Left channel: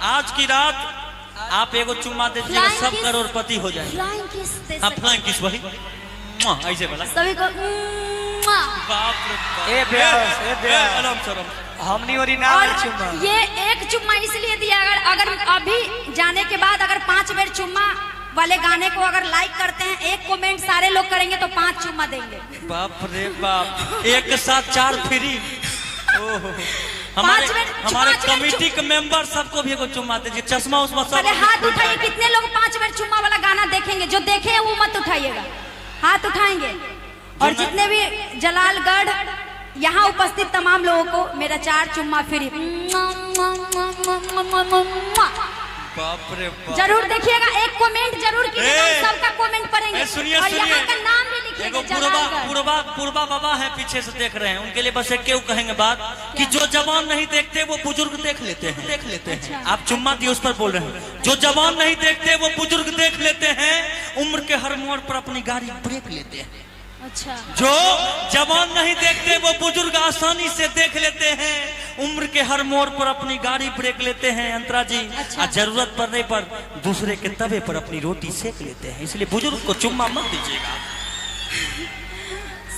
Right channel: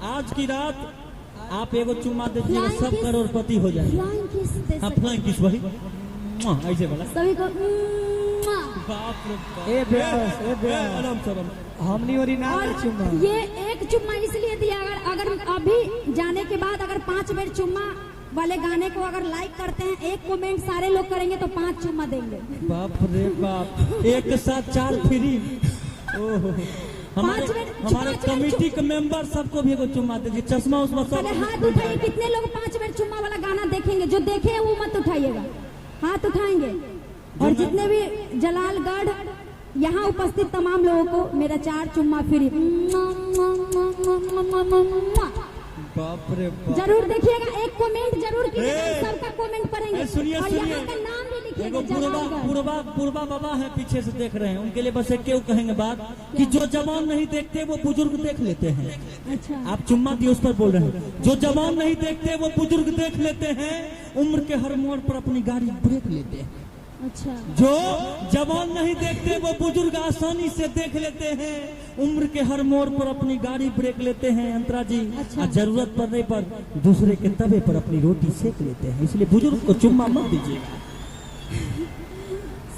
आज की रात आप एगो चुम्मा दीजिएगा, सब करोड़पति हो जाएंगे। हाँ फ्लाइंग किस वही ऐसे वाला सभी को बाप रे बाप। हमनी ओरिजिनल चुम्मा। ये एक चुम्मा इसलिए दिया, अगर अभी जाने के बाद अगर 5 बेर चुम्मा वाले गाने को अगर लाइक करते हैं, एक कमेंट सारे लोग करेंगे तो 5 चुम्मा देंगे। बाप रे बाप, एक साथ 4 फ्री। हमारे कमेटी के मेंबर सबको भी एगो चुम्मा दीजिए। चश्मा उसमें सब पहले हाथ उठाइए, कितने लोग 5 बेर चुम्मा वाला गाना देखेंगे? जो देखे हैं वो मत उठाइएगा, हाथ उठाएंगे। और जितने भी जलालगढ़ यहाँ उपस्थित तमाम लोगों को मेरा 4 चुम्मा फ्री। बाप रे बाप, जरूर देखिएगा, एक कमेंट जरूर कीजिएगा, सबका कमेंट पढ़ेंगे। और यहाँ का नाम भी लिखिएगा। पूर्वा बाबा है पीछे से देख रहे हैं, उनके लिए बस एक क्यों कहेंगे बात कि जो जवान नहीं देखते वो बुजुर्ग देख लेते हैं। अच्छा। आप चुम्मा दिए उस पर बोल रहे हैं। जो जवान नहीं देखते वो बुजुर्ग देख लेते हैं, उम्र के हर मोड़ पर अपनी गाड़ी ब्रेक लेते हैं। अच्छा। जो जवान नहीं देखते वो बुजुर्ग आसानी से देख लेते हैं, उम्र के हर मोड़ पर अपनी गाड़ी ब्रेक लेते हैं अंतरा जी। अच्छा। जरूरत पड़ने पर दूसरे के तवे पर अपनी रोटी सेक लेते हैं, इसलिए बुजुर्ग को चुम्मा मत दीजिएगा।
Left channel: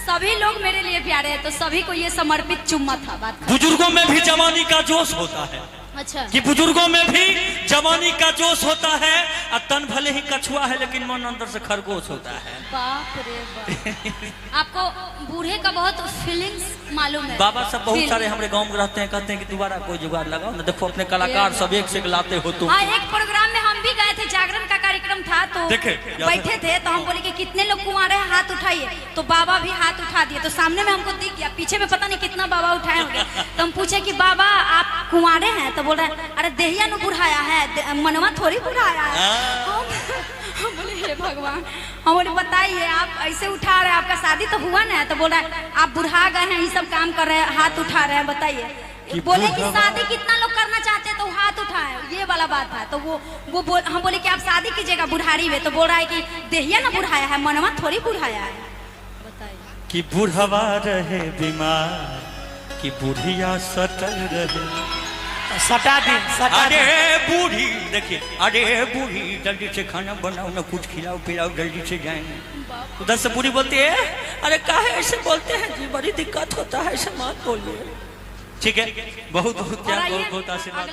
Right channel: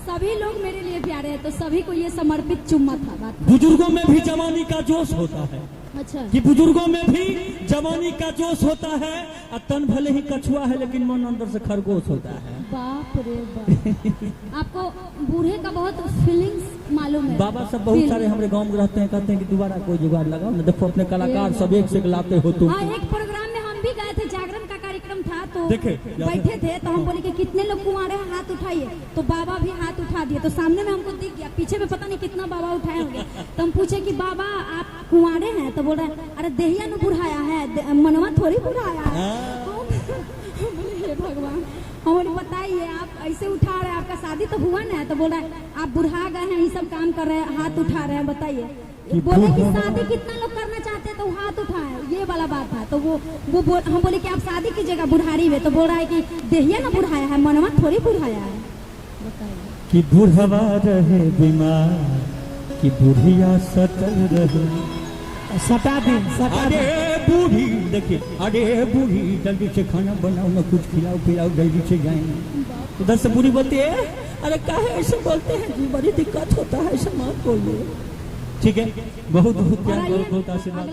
सभी लोग मेरे लिए प्यारे हैं, तो सभी को ये समर्पित चुम्मा था। बात बुजुर्गों में भी जवानी का जोश होता है। अच्छा। कि बुजुर्गों में भी जवानी का जोश होता है, और तन भले ही कछुआ है लेकिन मन अंदर से खरगोश होता है। बाप रे बाप। आपको बूढ़े का बहुत फीलिंग्स मालूम है। बाबा सब बहुत सारे हमारे गांव में रहते हैं, कहते हैं कि दोबारा कोई जुगाड़ लगाओ ना। देखो अपने कलाकार सब एक से एक लाते हो तुम। हाँ, एक प्रोग्राम में हम भी गए थे, जागरण का कार्यक्रम था, तो बैठे थे तो हम बोले कि कितने लोग कुंवारे हैं, हाथ उठाइए। तो बाबा भी हाथ उठा दिए, तो सामने में हमको दिख गया, पीछे में पता नहीं कितना बाबा उठाए होंगे। तो हम पूछे कि बाबा आप कुंवारे हैं? तो बोल रहे हैं अरे देहिया न बुढ़ाया है, मनवा थोड़ी बुढ़ाया है। हम बोले हे भगवान, हम बोले बताइए आप ऐसे उठा रहे हैं, आपका शादी तो हुआ ना? तो बोल रहा है आप बुढ़ा गए हैं, ये सब काम कर रहे हैं, हाथ उठा रहे हैं, बताइए। बोले कि शादी कितना लोग करना चाहते हैं तो हाथ उठाए, ये वाला बात था। तो हम बोले कि आप शादी कीजिएगा बुढ़ारी में? तो बोल रहा है कि देहिया ना बुढ़ाया है, मनवा थोड़ी बुढ़ाया है। बताइए कि बुढ़वा रहे बीमार, कि बुढ़िया सटल रहे। सटा दी, सटा दी। अरे बूढ़ी देखिए, अरे बूढ़ी जल्दी से खाना बनाओ ना, कुछ खिलाओ पिलाओ, जल्दी से जाएंगे। उधर से बूढ़ी बोलती है अरे काहे ऐसे बोलते हैं जी, बड़ी दिक्कत होता है, ऐसे मत बोलिए। ठीक है, बहुत बहुत आशीर्वाद।